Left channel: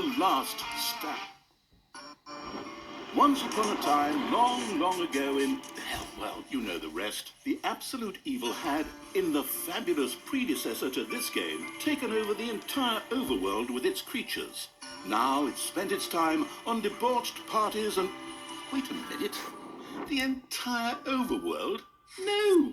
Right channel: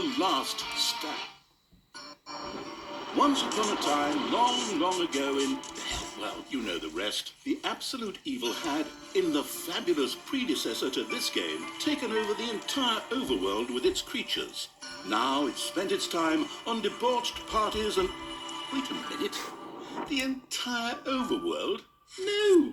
the last stand. Once upon a time, long, long ago in, well, you know the rest, the absolute evil had, in the fabulous predecessor to this game, taken over the entire overworld with its creatures. Now it's spent its time on debauched parties and... Wait a minute. The entire overworld? No!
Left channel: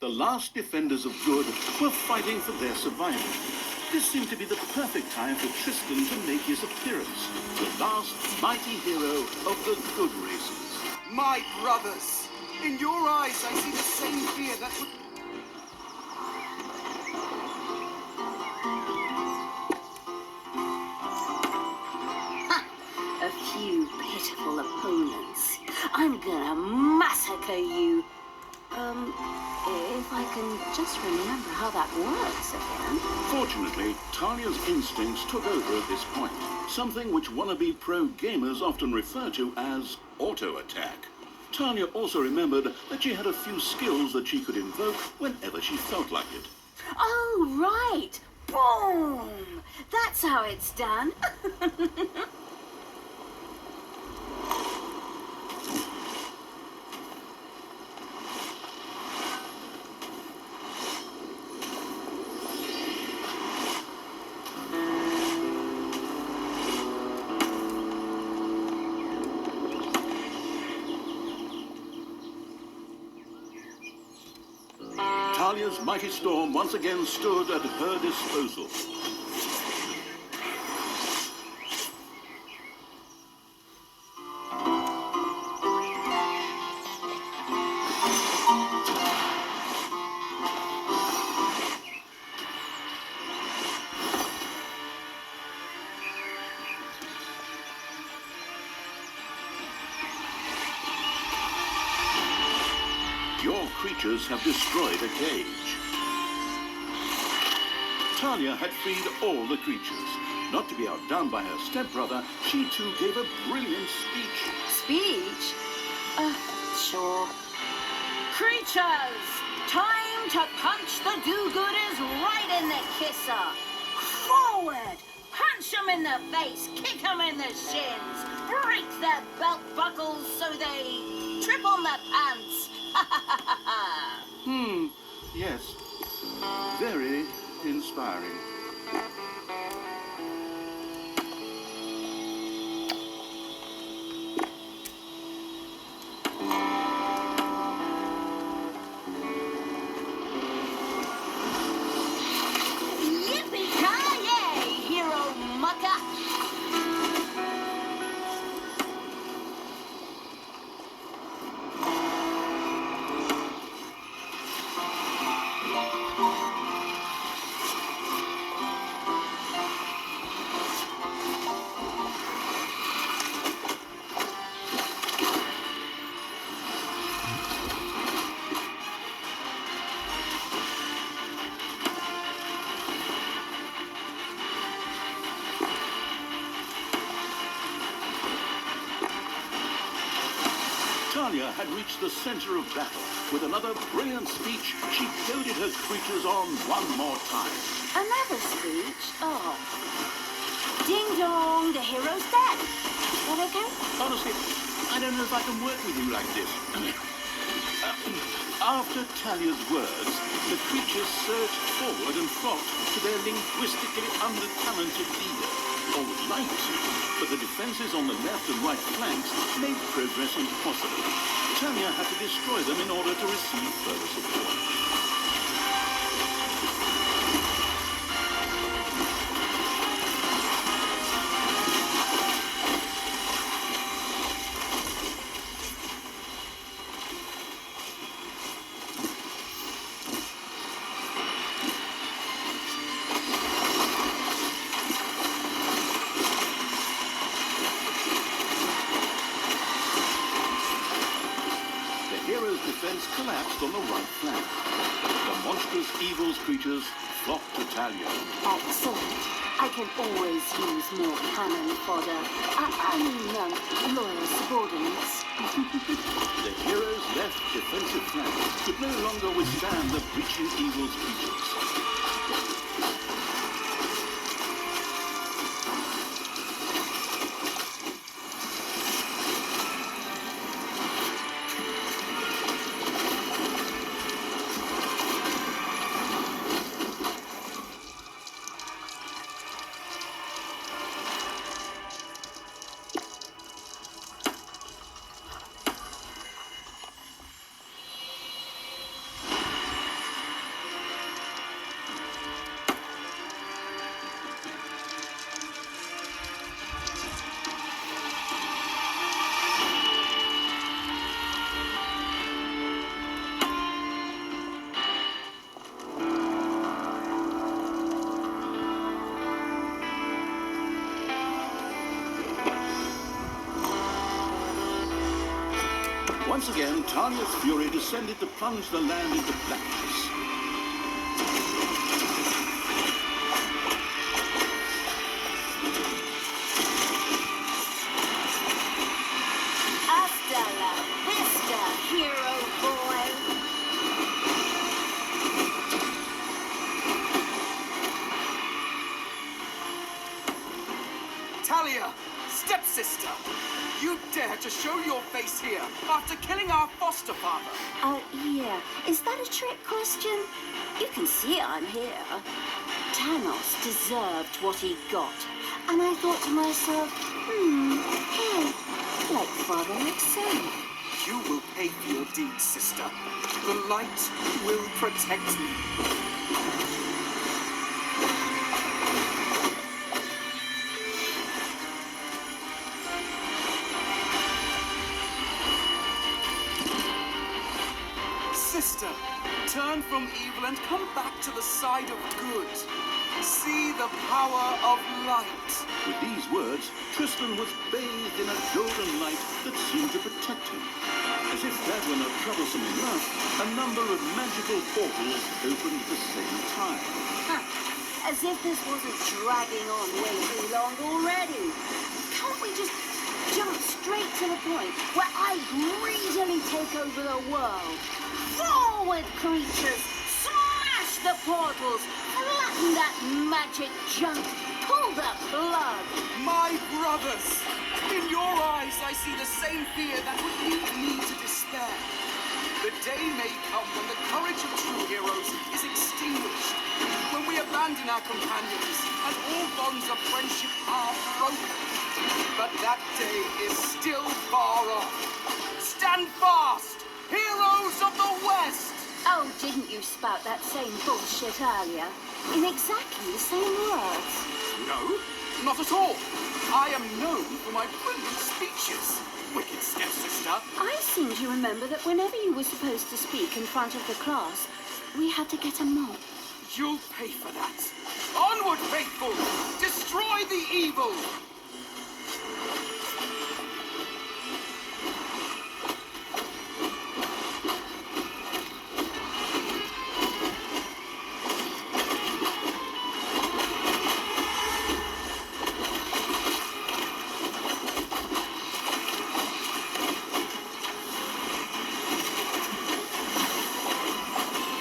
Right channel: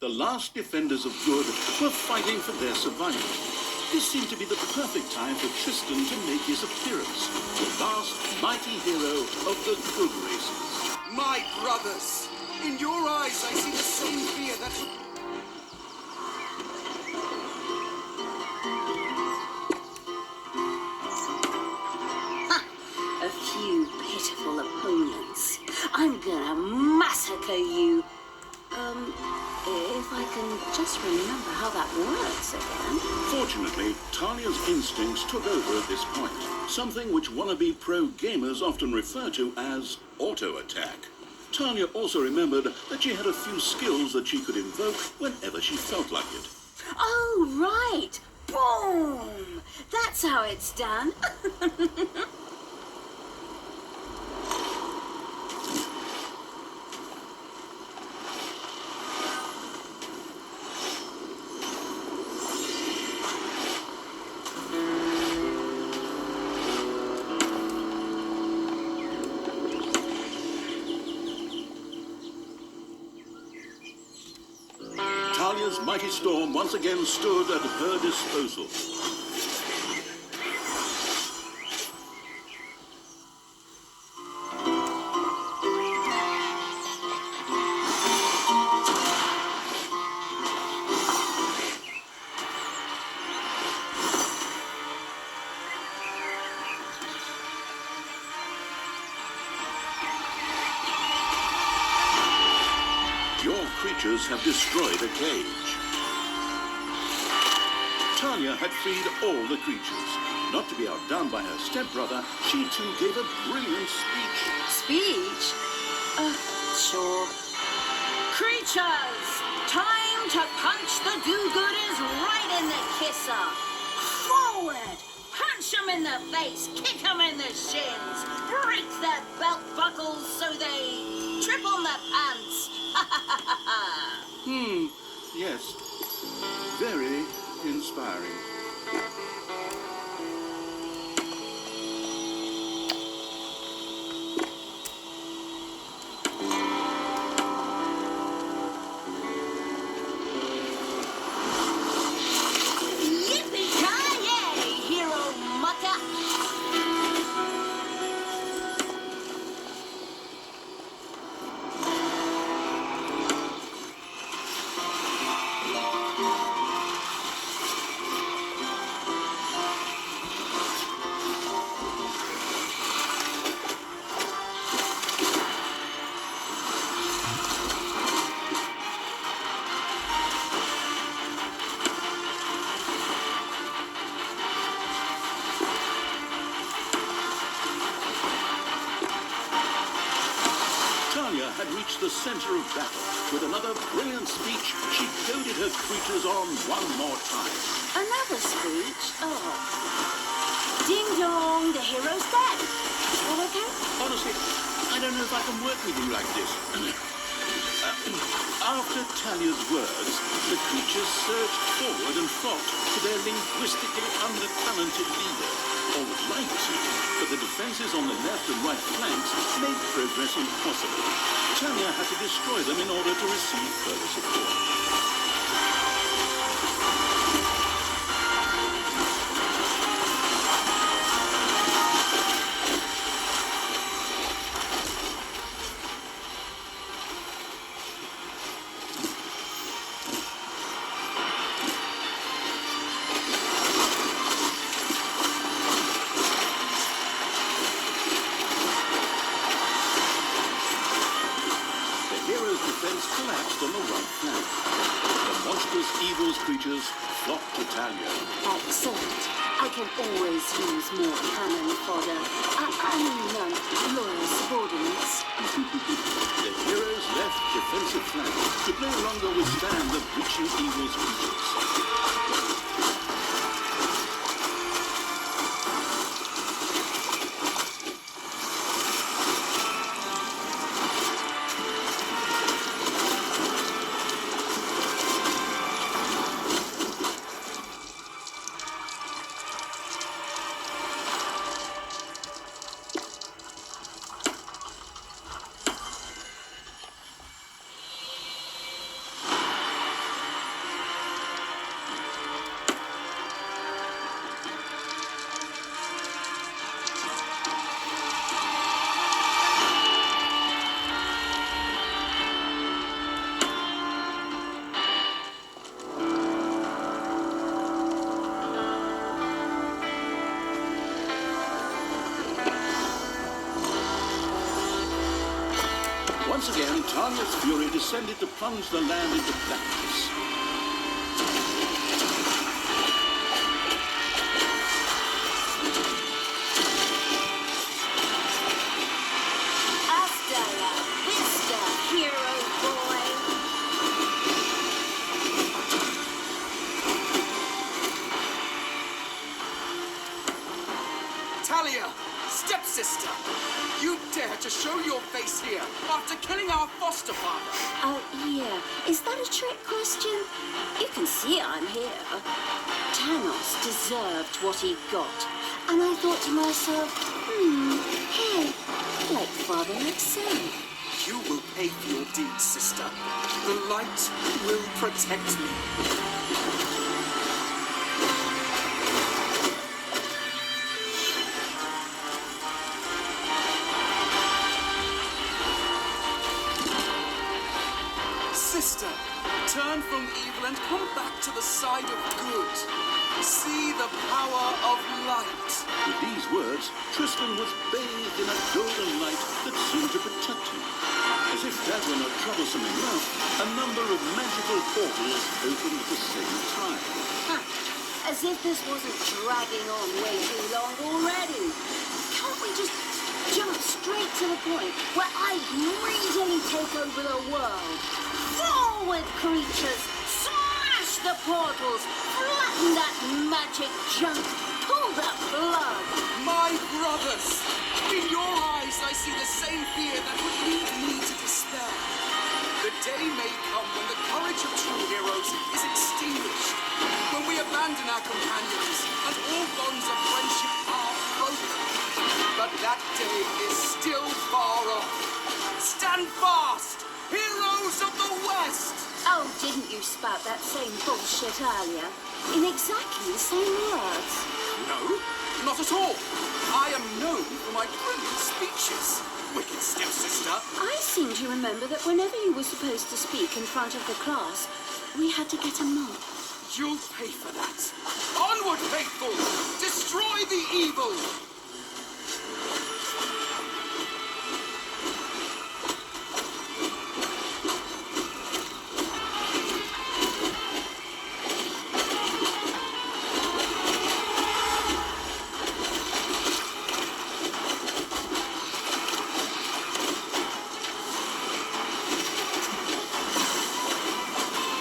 The last defenders of good were fighting for their survival. This seemed to be the perfect time for Tristan to make his appearance, the last mighty hero of the good races. My brothers! In your eyes I see the same fear that would... A few pitiful opponents. I'm gonna massacre you. If I can just remember how that works again. Fortunately, Talia's instincts took over at this point, something which wannabe pro gamers often refer to as auto-attack. Talia also remembered that she had a few skills that she could invoke whenever she felt like it. Oh, right! Boom! That's how it's done. Talia's mighty storm once again stood at her disposal. Your creatures have destroyed a cage. Talia had freed all the creatures. Not to be outdone by her stepbrother, she too gave a brilliant speech. Speech? Sure. Creatures! Time to punch the do-gooders right in the kisser! Forward! Punch them in the face, kick them in the shins, break their belt buckles so they trip on their pants. Yes. Very inspiring. Yippee-ki-yay, hero mucker! Talia had reached the center of battle. With another brilliant speech, she goaded her creatures on one more time. Another speech? Oh. Ding dong, the hero's dead. All okay? Honestly, I don't know if I can work with you like this. After Talia's words, the creatures surged forward and fought to their linguistically under-talented leader, or would like to, but the defenses on the left and right flanks made progress impossible. Talia had to destroy them in order to receive further support. Defense collapsed on the right flank. The monstrous evil's creatures flock to Talia. Excellent. I can always use more cannon fodder. Loyal subordinates. The heroes' left defensive flank could no longer withstand the breaching evil's creatures. Once again, Talia's fury descended to plunge the land into blackness. Hasta la vista, hero boy. Talia, stepsister, you dare to show your face here after killing our foster father? Yeah. Is that a trick question? You can see I'm here. Thanos deserved what he got. And I thought to myself, hey, like father, like son. You will pay for your deeds, sister. The light will protect me. Sister, turn from evil and come back to the side of good. See the power of light. With these words, Tristan was bathed in a golden light that seemed to protect him. As if that were not troublesome enough, a number of magical portals opened at the same time. As if this wasn't dragging on way too long already. Can't we just jump straight to the point where I greedily take over the world? Forward, creatures! Smash the portals! Flatten that magic junk! Pull that blood! My brothers! In your eyes I see the same fear that would lead me to despair. The day may come when the courage of true heroes is extinguished, when we abandon our companions and all bonds of friendship are broken. But that day is still far off. Stand fast, heroes of the West! Oh, didn't you spout that same bullshit earlier? In exactly the same words. No, not at all. I am known for my brilliant speeches, wicked stepsister. I seem to remember that whenever you were supposed to speak in front of the class, we had to get a mop. You'll pay for that. Onward, faithful! Destroy the evil!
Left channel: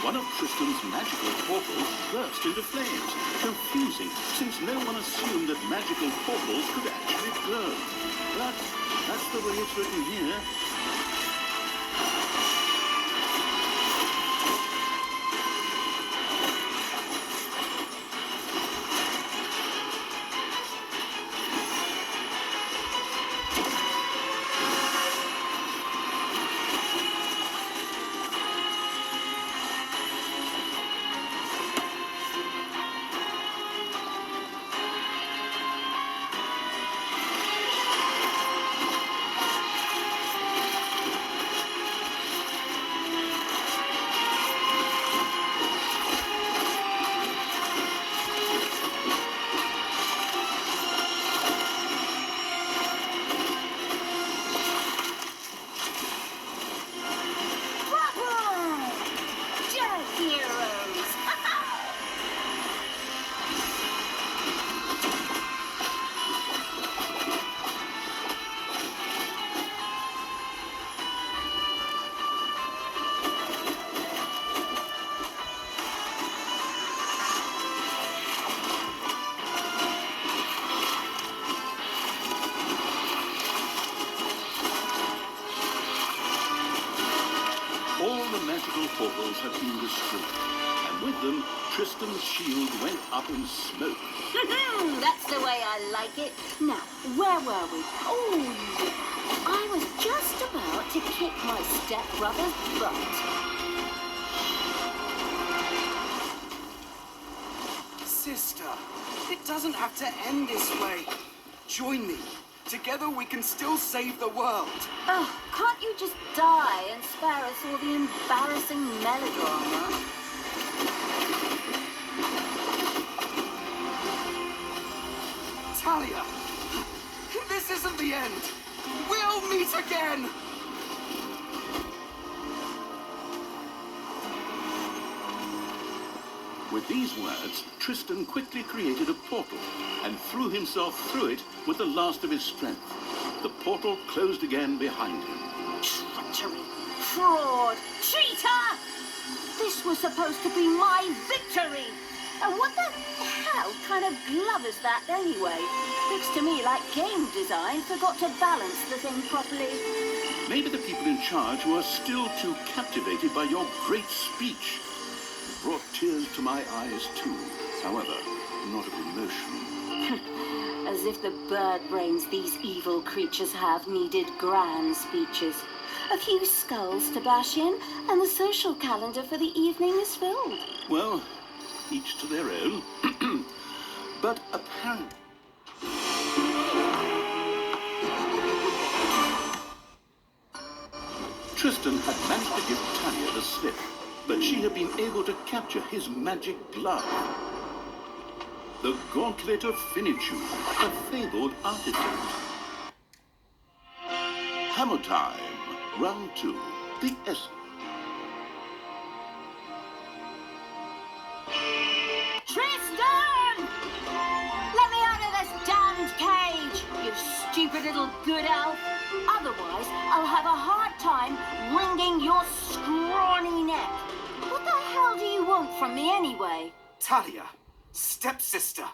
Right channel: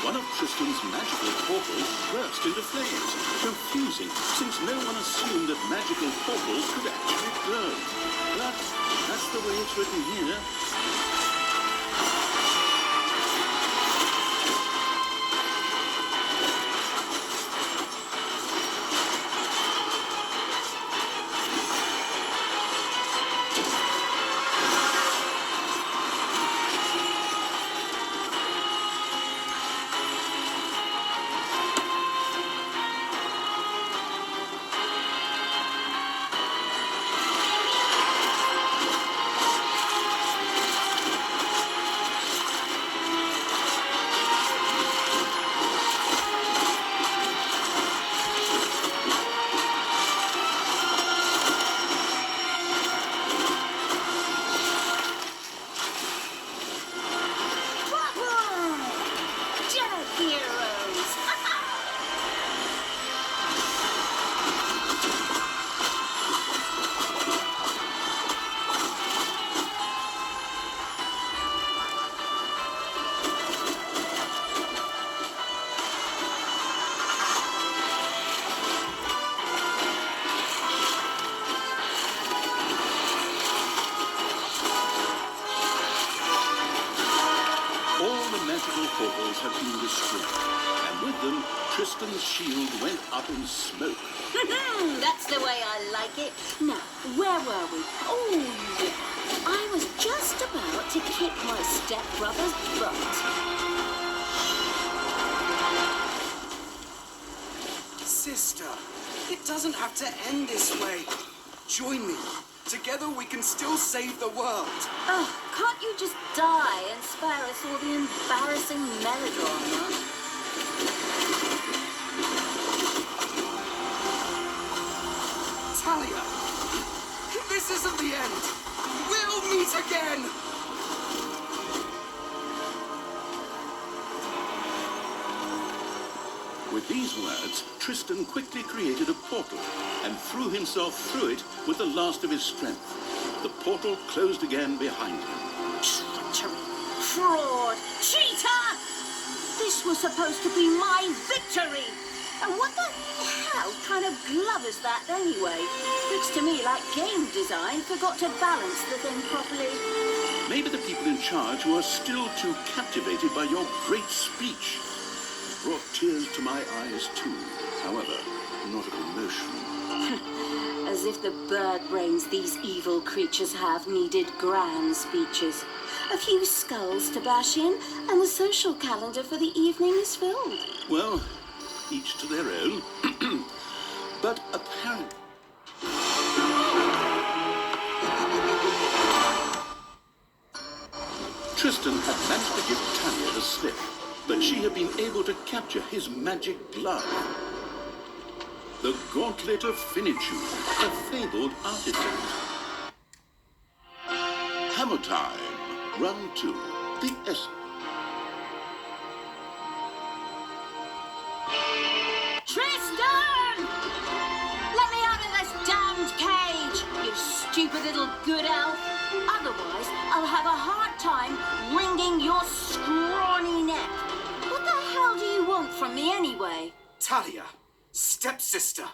One of Tristan's magical portals burst into flames, confusing since no one assumed that magical portals could actually burn. But that's the way it's written here. magical portals had been destroyed, and with them, Tristan's shield went up in smoke. That's the way I like it. Now, where were we? Oh, yeah. I was just about to kick my stepbrother's butt. Sister, it doesn't have to end this way. Join me. Together we can still save the world. Oh, can't you just die and spare us all the embarrassing melodrama? Talia, this isn't the end. We'll meet again. With these words, Tristan quickly created a portal and threw himself through it with the last of his strength. The portal closed again behind him. Treachery! Fraud! Cheater! This was supposed to be my victory! And what the hell kind of glove is that anyway? Looks to me like game design forgot to balance the thing properly. Maybe the people in charge were still too captivated by your great speech. It brought tears to my eyes too, however, not of emotion. As if the bird brains these evil creatures have needed grand speeches. A few skulls to bash in, and the social calendar for the evening is filled. Well, each to their own. But apparently... Tristan had managed to give Talia the slip, but she had been able to capture his magic glove. The gauntlet of finitude, a fabled artifact. Hammer time. Round 2. The S. Tristan! Let me out of this damned cage, you stupid little good elf. Otherwise, I'll have a hard time wringing your scrawny neck. What the hell do you want from me anyway? Talia, stepsister,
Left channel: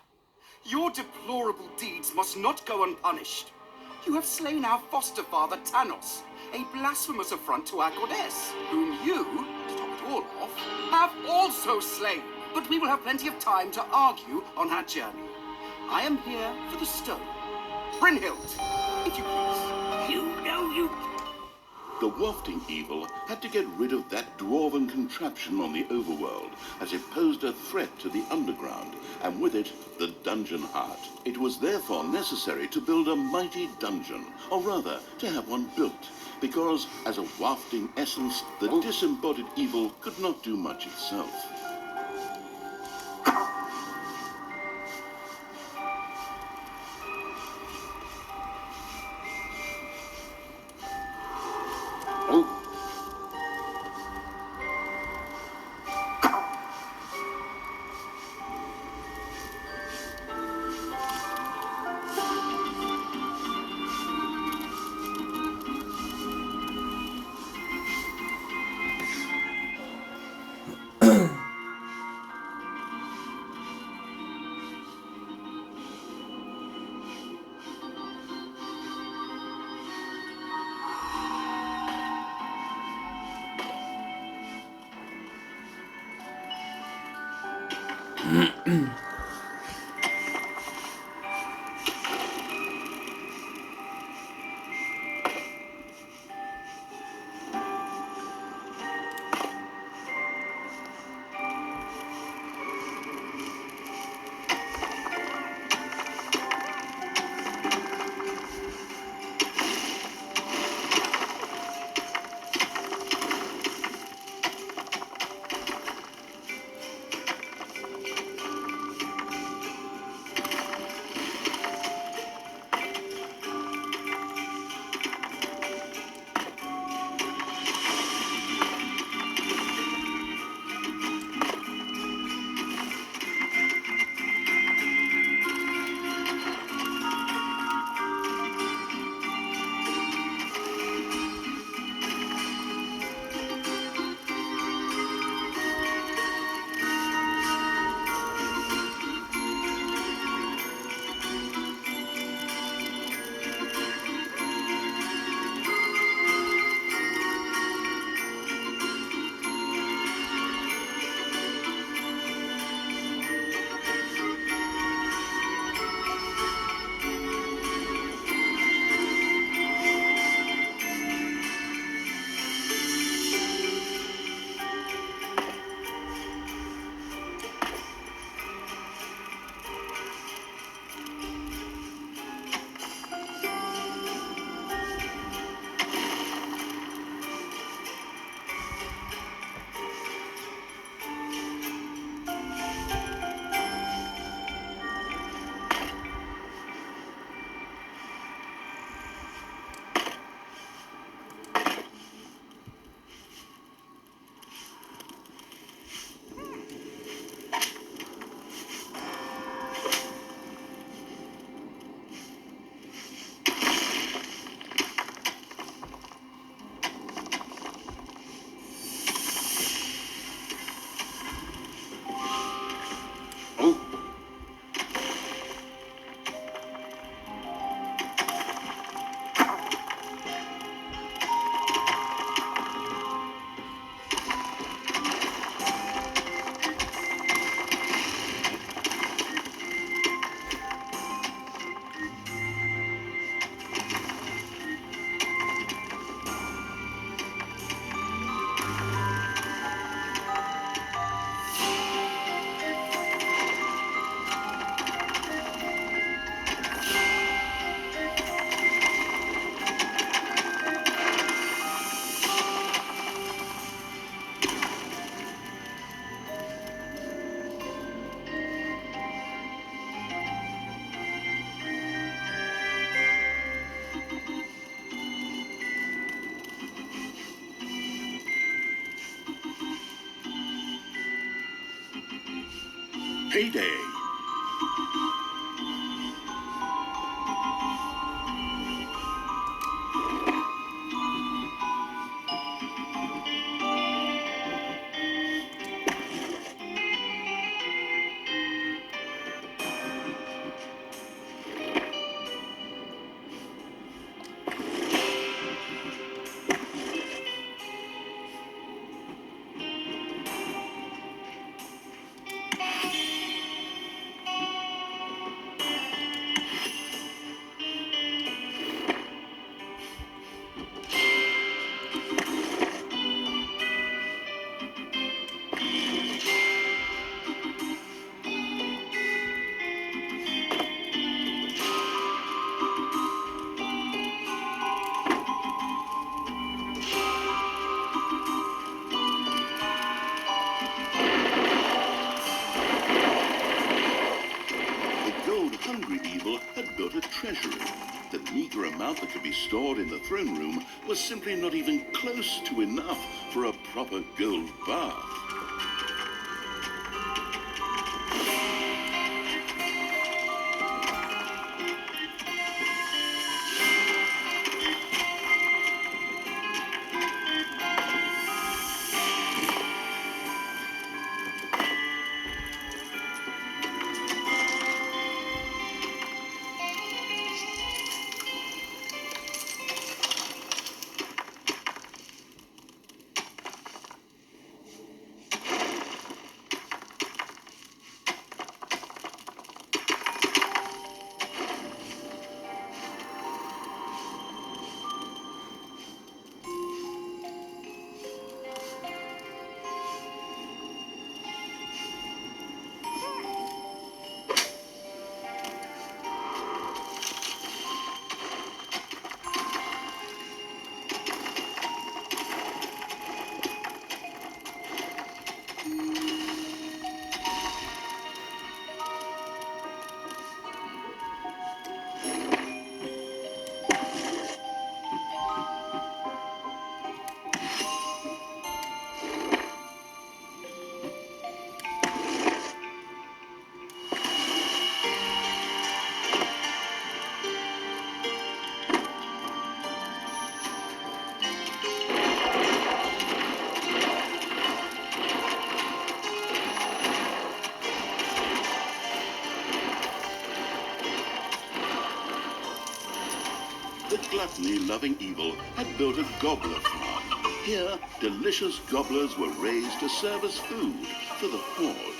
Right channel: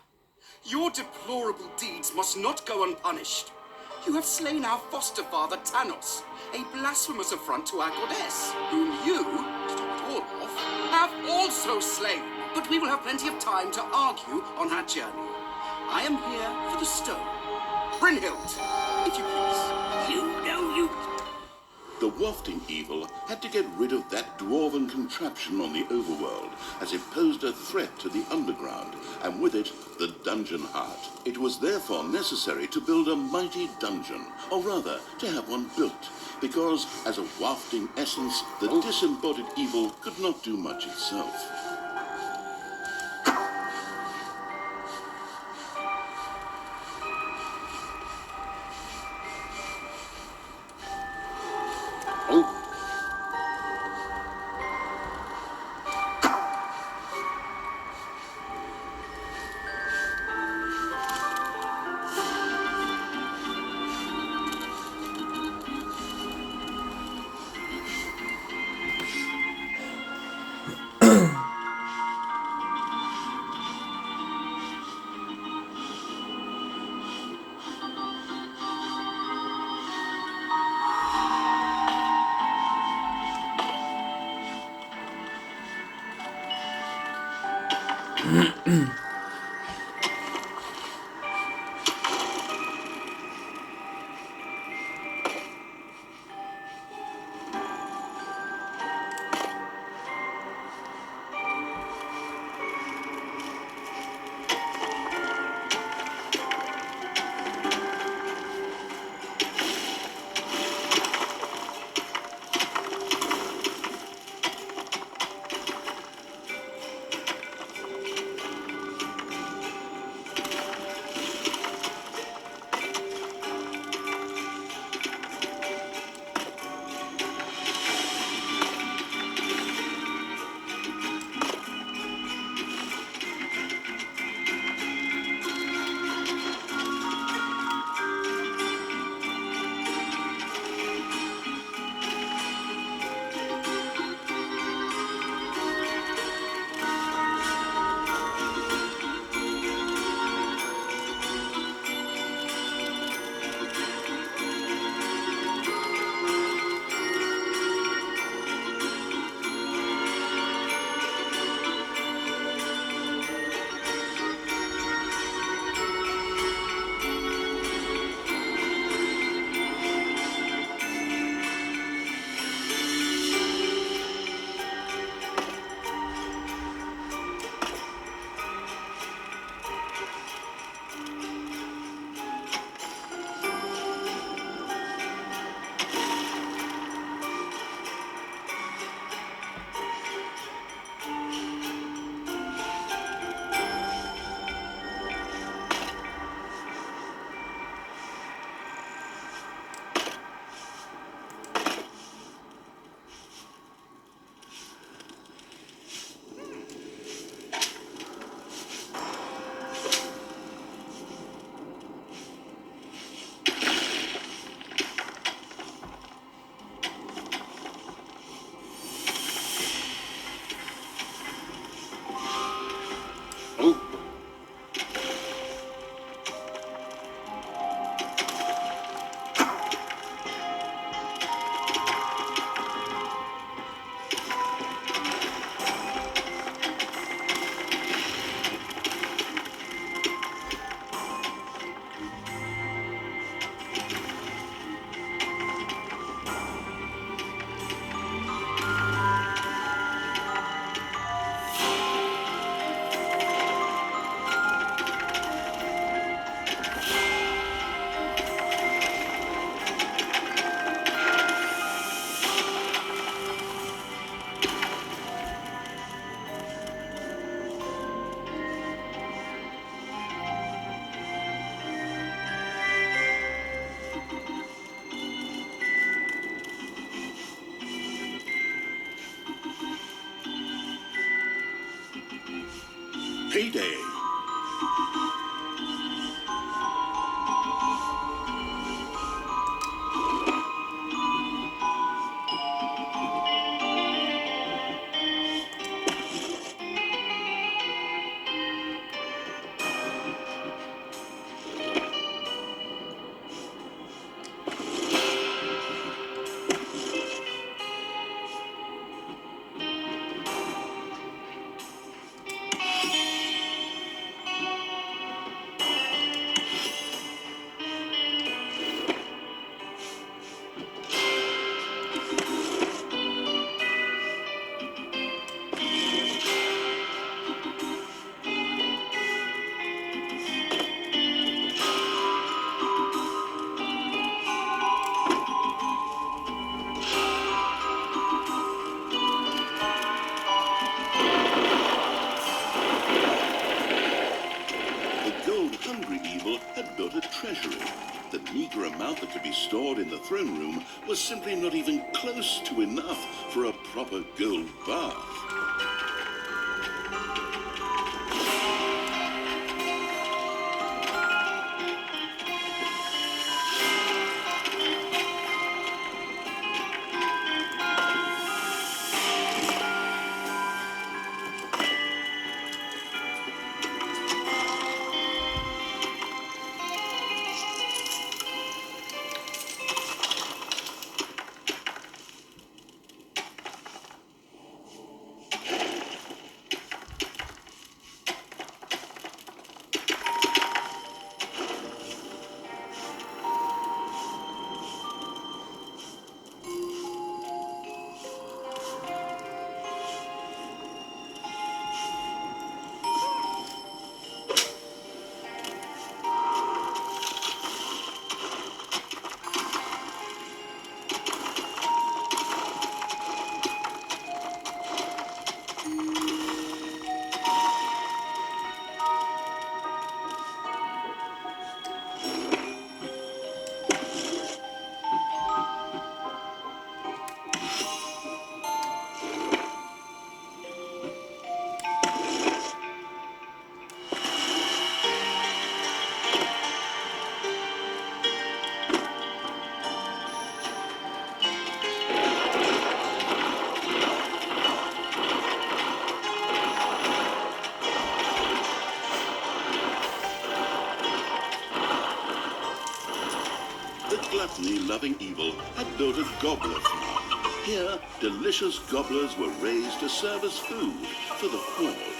your deplorable deeds must not go unpunished. You have slain our foster father, Thanos, a blasphemous affront to our goddess, whom you, to top it all off, have also slain. But we will have plenty of time to argue on our journey. I am here for the stone. Brynhild, if you please. You know you... The wafting evil had to get rid of that dwarven contraption on the overworld, as it posed a threat to the underground, and with it, the dungeon heart. It was therefore necessary to build a mighty dungeon, or rather, to have one built, because as a wafting essence, the disembodied evil could not do much itself. Payday. Hungry evil had built a treasury. The meager amount that could be stored in the throne room was simply not even close to enough for a proper gold bath. Gluttony-loving evil had built a gobbler farm. Here, delicious gobblers were raised to serve as food for the horde.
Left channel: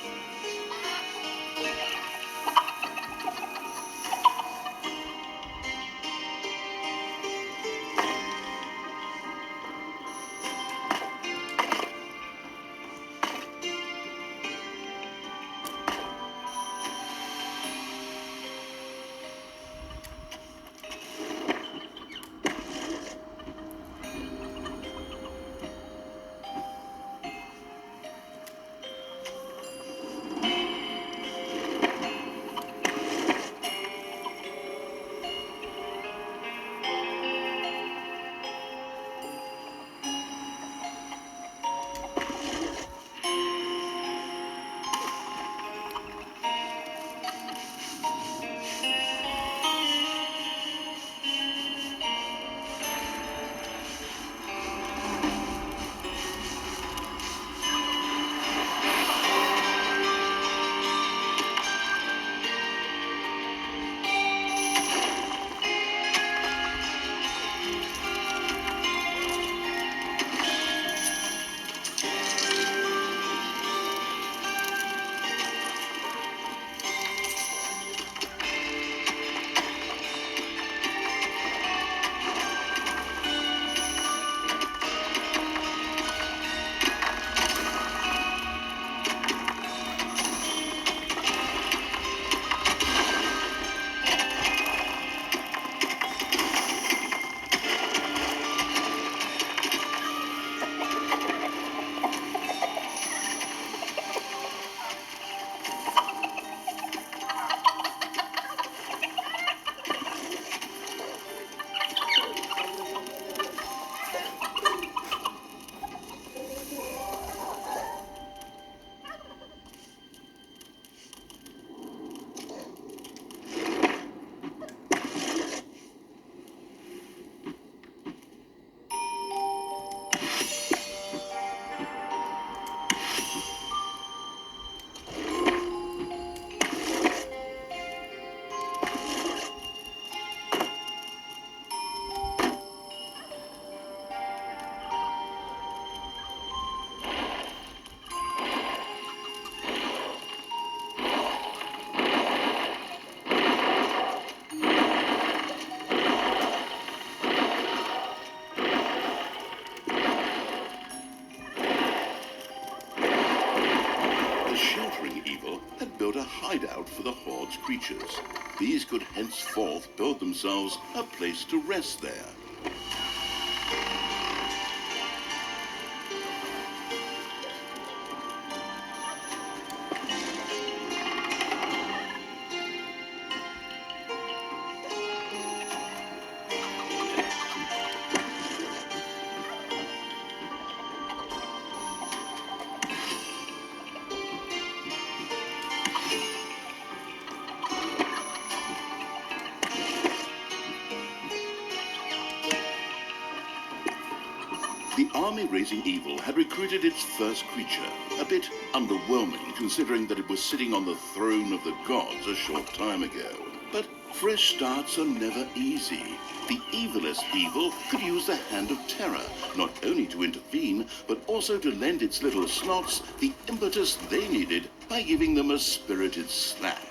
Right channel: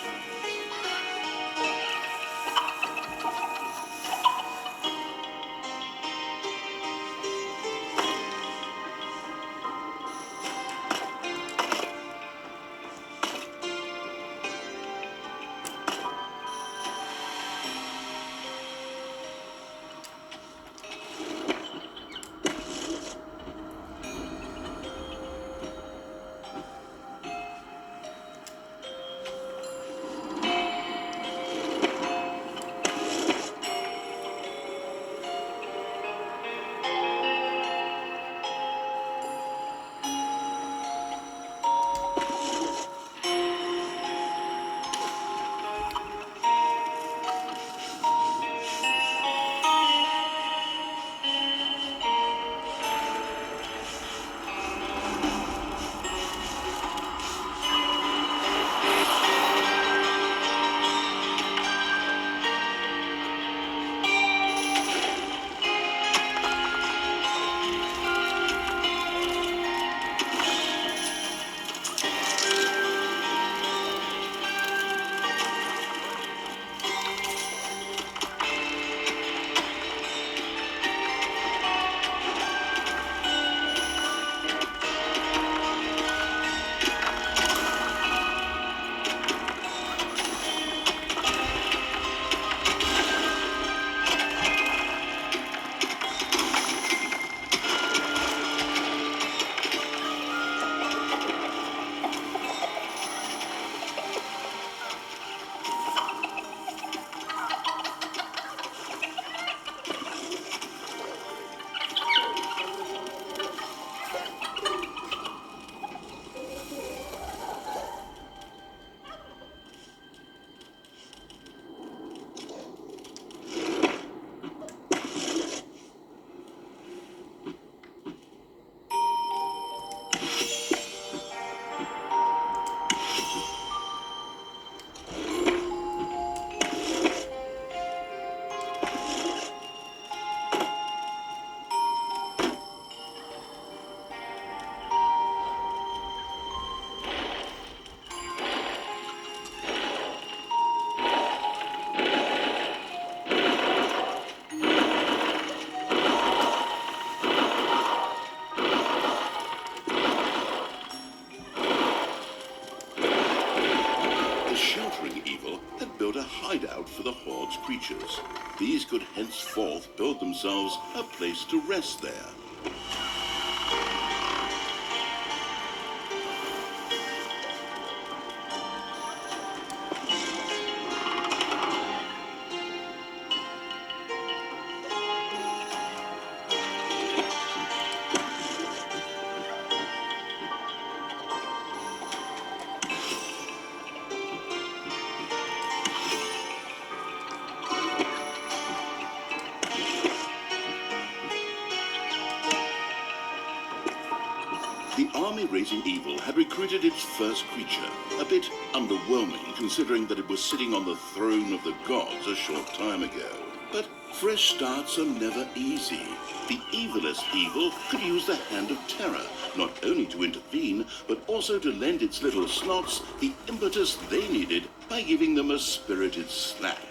a hideout for the Horde's creatures. These could henceforth build themselves a place to rest there. The army raising evil had recruited its first creature, a bit underwhelming considering that it was sitting on the throne of the gods a short time ago. But fresh starts are never easy. The evilest evil could use the hand of terror, not only to intervene, but also to lend its little snots the impetus they needed by giving them a spirited slap.